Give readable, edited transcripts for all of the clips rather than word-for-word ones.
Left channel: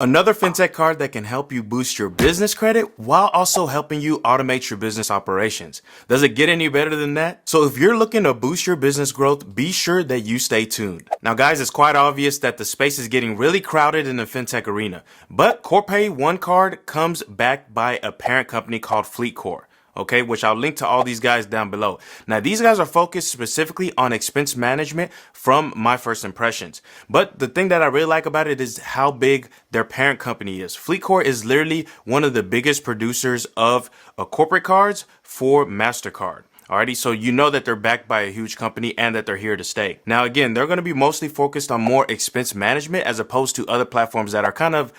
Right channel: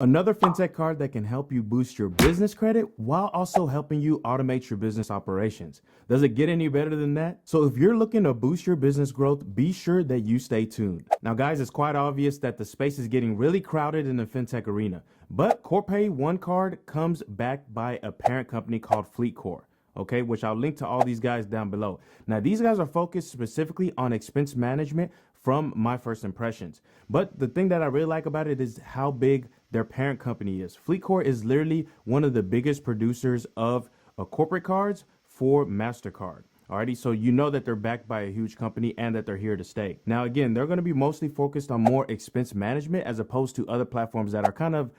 Another fintech card that can help you boost your business credit while also helping you automate your business operations. Does it get any better than that? So if you're looking to boost your business growth, be sure that you stay tuned. Now guys, it's quite obvious that the space is getting really crowded in the fintech arena, but Corpay One Card comes backed by a parent company called FleetCor. Okay, which I'll link to all these guys down below. Now, these guys are focused specifically on expense management from my first impressions. But the thing that I really like about it is how big their parent company is. FleetCor is literally one of the biggest producers of corporate cards for MasterCard. Alrighty, so you know that they're backed by a huge company and that they're here to stay. Now, again, they're going to be mostly focused on more expense management as opposed to other platforms that are kind of,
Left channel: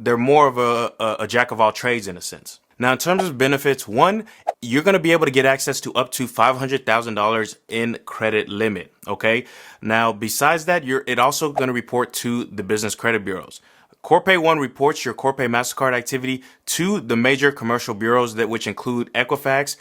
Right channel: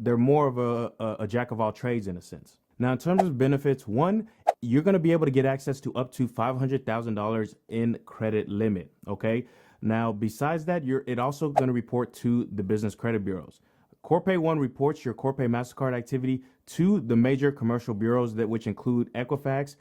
they're more of a jack of all trades in a sense. Now, in terms of benefits, one, you're going to be able to get access to up to $500,000 in credit limit. Okay. Now, besides that, it also going to report to the business credit bureaus. Corpay One reports your Corpay MasterCard activity to the major commercial bureaus which include Equifax,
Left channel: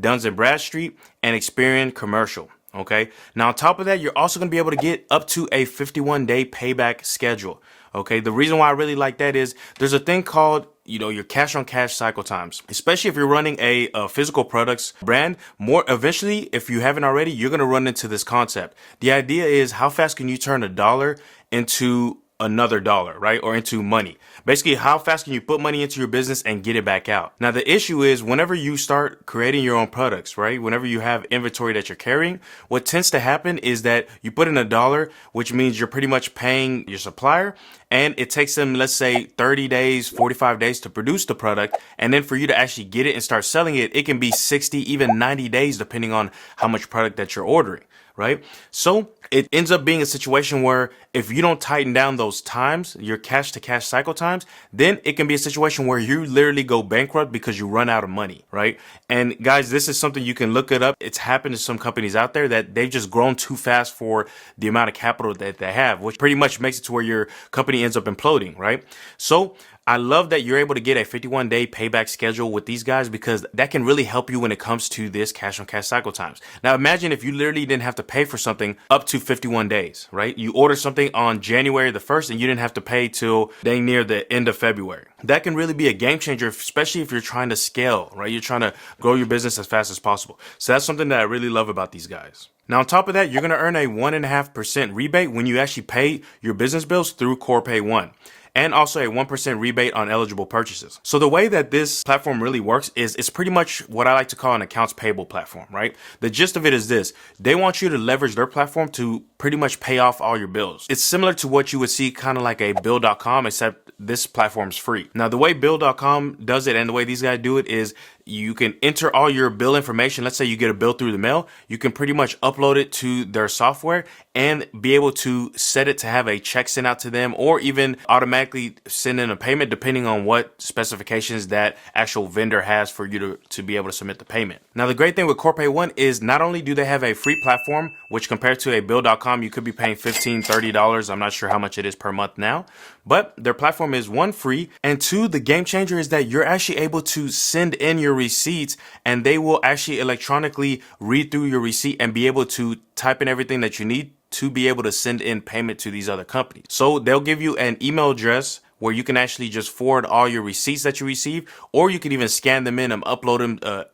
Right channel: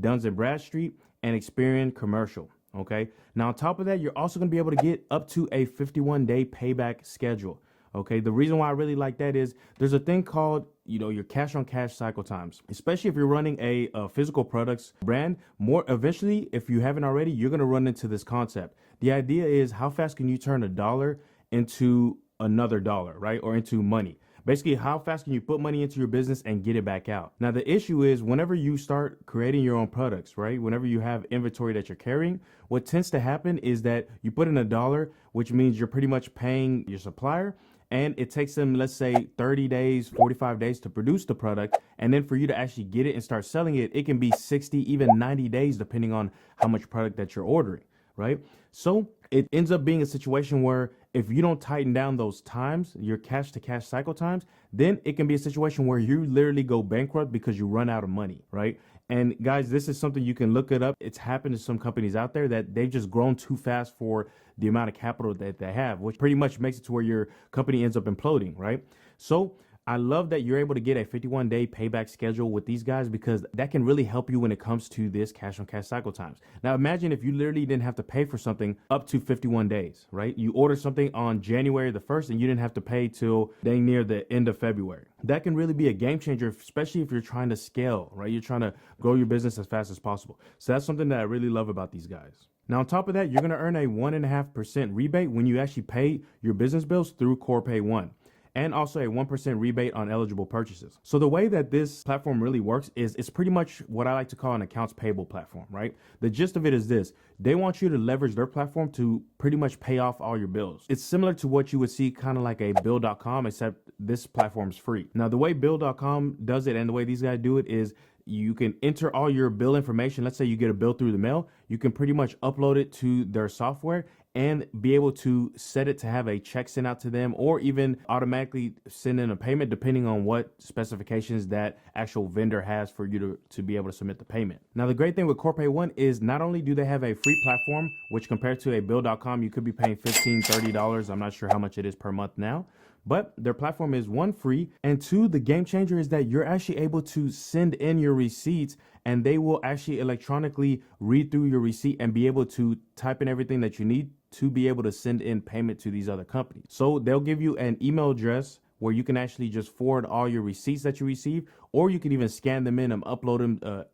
Duns & Bradstreet, and Experian Commercial. Okay. Now, on top of that, you're also going to be able to get up to a 51-day payback schedule. Okay. The reason why I really like that is there's a thing called, your cash on cash cycle times, especially if you're running a physical products brand. Eventually, if you haven't already, you're going to run into this concept. The idea is how fast can you turn a dollar into another dollar, right? Or into money. Basically, how fast can you put money into your business and get it back out? Now, the issue is whenever you start creating your own products, right? Whenever you have inventory that you're carrying, what tends to happen is that you put in a dollar, which means you're pretty much paying your supplier, and it takes them, let's say 30 days, 45 days to produce the product. And then for you to actually get it and start selling it, it can be 60, even 90 days, depending on how much product that you're ordering. Right? So it ends up being a situation where if you don't tighten down those times, your cash to cash cycle times, then it can be a situation where you literally go bankrupt because you run out of money. Right? And guys, this is something you can look it up. It's happened to some companies out there that they've just grown too fast for the amount of capital that they have, which pretty much makes it to where your company ends up imploding. Right? So I love that you're able to get a 51-day payback schedule with these guys because that can really help you when it comes to this cash on cash cycle times. Now, imagine if you literally didn't have to pay for something up to 51 days, right? You order something on January the 1st and you didn't have to pay till dang near the end of February. That can really be a game changer, especially if you're trying to scale, right? You're trying to grow your business as fast as possible. So that's something that I really love about these guys. Now, on top of that, you're going to earn a 1.5% rebate when you actually pay your business bills through Corpay One, and also a 1% rebate on eligible purchases. So the way that this platform really works is it's pretty much what I like to call an accounts payable platform, right? The gist of it is this: they want you to leverage their platform to pretty much pay off all your bills. It's similar to what you would see kind of like a Bill.com, except this platform's free. Now, the way Bill.com does it and the way these guys do it is you can enter all your bill information. Let's say you get a bill through the mail. You can pretty much upload it to their software and be able to set it to have a check sent out to them, or even automatically send in a payment depending on what specifications that actual vendor has for you to be able to submit the payment. Now, the great thing with Corpay One is not only do they have a free platform, which compared to a Bill.com, you could be paying $15, $30. I'm not sure how much it is per month now, but their platform is one, free, and two, the game changer is that you're actually able to send in your receipts and they will actually electronically read through your receipt and be able to type in everything that you need to be able to send in payment to these other companies. So they'll give you an email address where you can actually just forward all your receipts that you receive, or you can even scan them in and upload them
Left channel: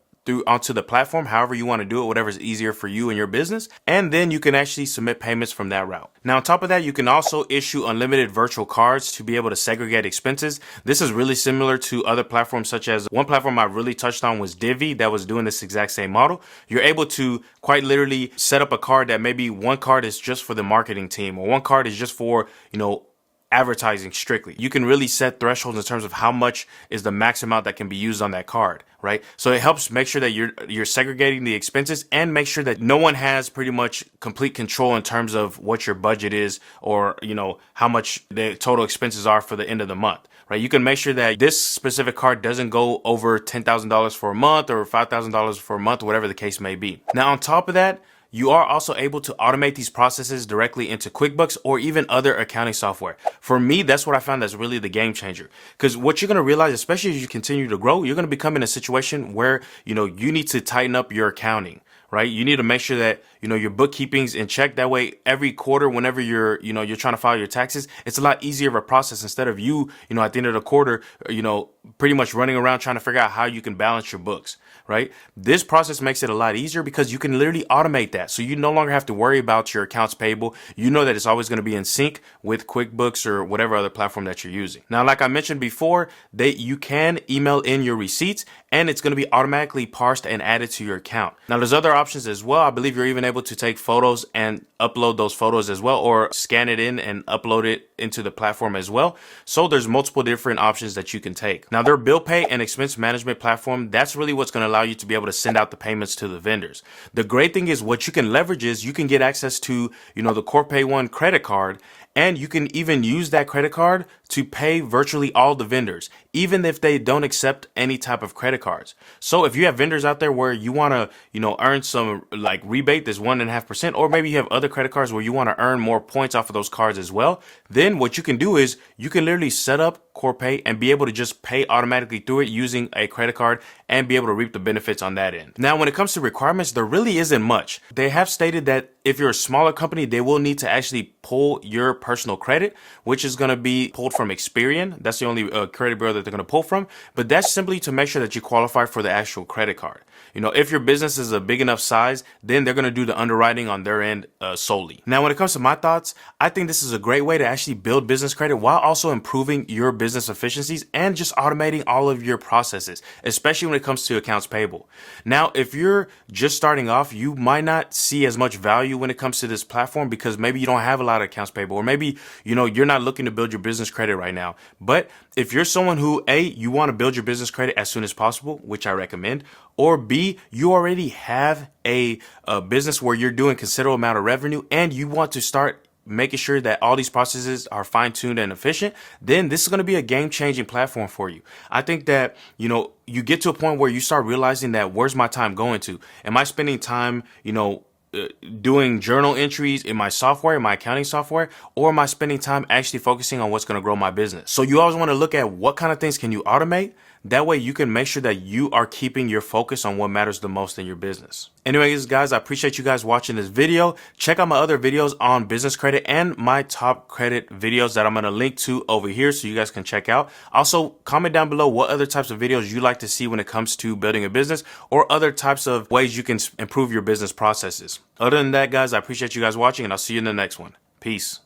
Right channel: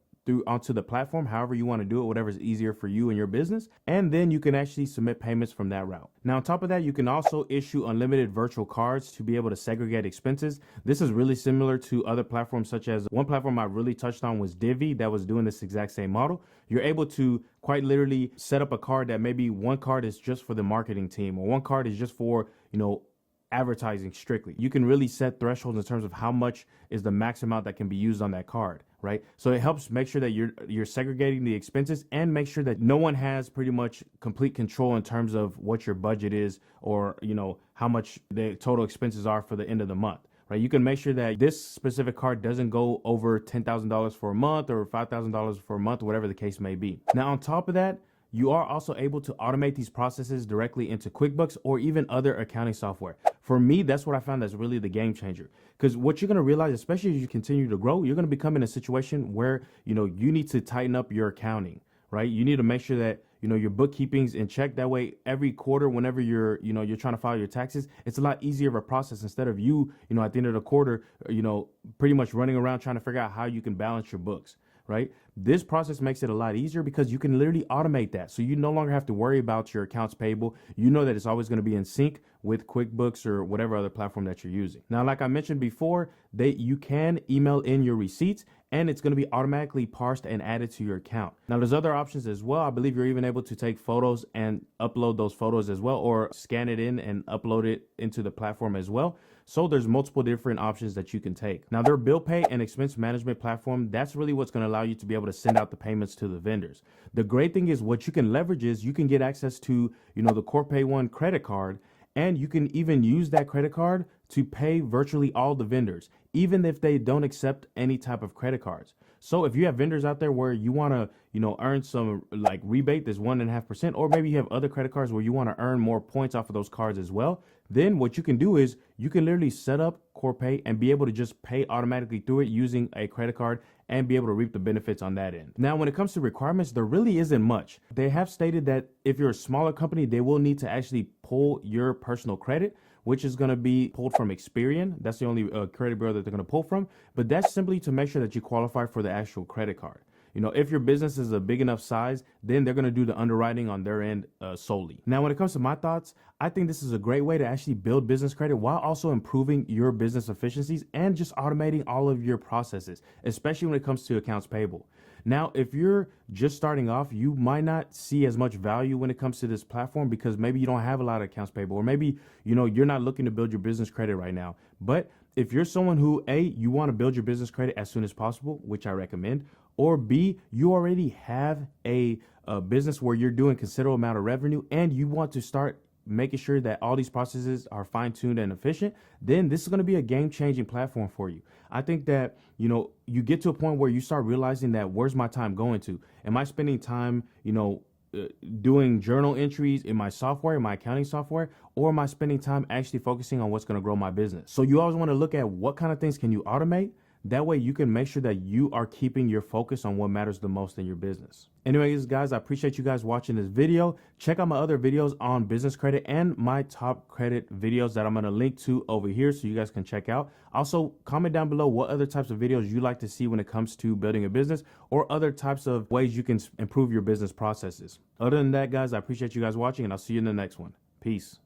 onto the platform, however you want to do it, whatever's easier for you and your business. And then you can actually submit payments from that route. Now, on top of that, you can also issue unlimited virtual cards to be able to segregate expenses. This is really similar to other platforms, such as one platform I really touched on was Divvy, that was doing this exact same model. You're able to quite literally set up a card that maybe one card is just for the marketing team, or one card is just for, advertising strictly. You can really set thresholds in terms of how much is the max amount that can be used on that card, right? So it helps make sure that you're segregating the expenses and make sure that no one has pretty much complete control in terms of what your budget is, or, how much the total expenses are for the end of the month. Right? You can make sure that this specific card doesn't go over $10,000 for a month or $5,000 for a month, whatever the case may be. Now, on top of that, you are also able to automate these processes directly into QuickBooks or even other accounting software. For me, that's what I found that's really the game changer. Because what you're going to realize, especially as you continue to grow, you're going to become in a situation where, you need to tighten up your accounting, right? You need to make sure that your bookkeeping's in check. That way, every quarter, whenever you're trying to file your taxes, it's a lot easier of a process instead of you at the end of the quarter, pretty much running around trying to figure out how you can balance your books, right? This process makes it a lot easier because you can literally automate that. So you no longer have to worry about your accounts payable. You know that it's always going to be in sync with QuickBooks or whatever other platform that you're using. Now, like I mentioned before, you can email in your receipts and it's going to be automatically parsed and added to your account. Now, there's other options as well. I believe you're even able to take photos and upload those photos as well, or scan it in and upload it into the platform as well. So there's multiple different options that you can take. Now, their bill pay and expense management platform, that's really what's going to allow you to be able to send out the payments to the vendors. The great thing is what you can leverage is you can get access to, the Corpay One credit card, and you can even use that credit card to pay virtually all the vendors, even if they don't accept any type of credit cards. So if you have vendors out there where you want to, earn some like rebate, this 1.5%, or maybe you have other credit cards where you want to earn more points off of those cards as well, then what you can do is you can literally set up Corpay and be able to just pay automatically through it using a credit card and be able to reap the benefits on that end. Now, when it comes to requirements, there really isn't much. They have stated that if you're a smaller company, they will need to actually pull your personal credit, which is going to be pulled from Experian. That's the only credit bureau that they're going to pull from. But that's simply to make sure that you qualify for the actual credit card. If your business is a big enough size, then they're going to do the underwriting on their end solely. Now, when it comes to my thoughts, I think this is a great way to actually build business credit while also improving your business efficiencies and just automating all of your processes, especially when it comes to accounts payable. Now, if you're just starting off, you might not see as much value when it comes to this platform because maybe you don't have a lot of accounts payable, or maybe, you're not looking to build your business credit right now. But if you're someone who, A, you want to build your business credit as soon as possible, which I recommend, or B, you already have a business where you're doing considerable amount of revenue and you want to start making sure that all these processes are fine-tuned and efficient, then this is going to be a game-changing platform for you. I think that, you get to a point where you start realizing that where's my time going to? Am I spending time, doing journal entries in my software, in my accounting software, or am I spending time actually focusing on what's going to grow my business? So you always want to look at what kind of things can you automate. That way you can make sure that you are keeping your focus on what matters the most in your business. Anyways, guys, I appreciate you guys watching this video. Check out my other videos on business credit and my top credit videos that I'm going to link to over here so you guys can check out. Also, comment down below what other types of videos you like to see when it comes to building a business or other types of ways you can improve your business processes. Other than that, guys, I appreciate you guys watching and I'll see you in the next one. Peace.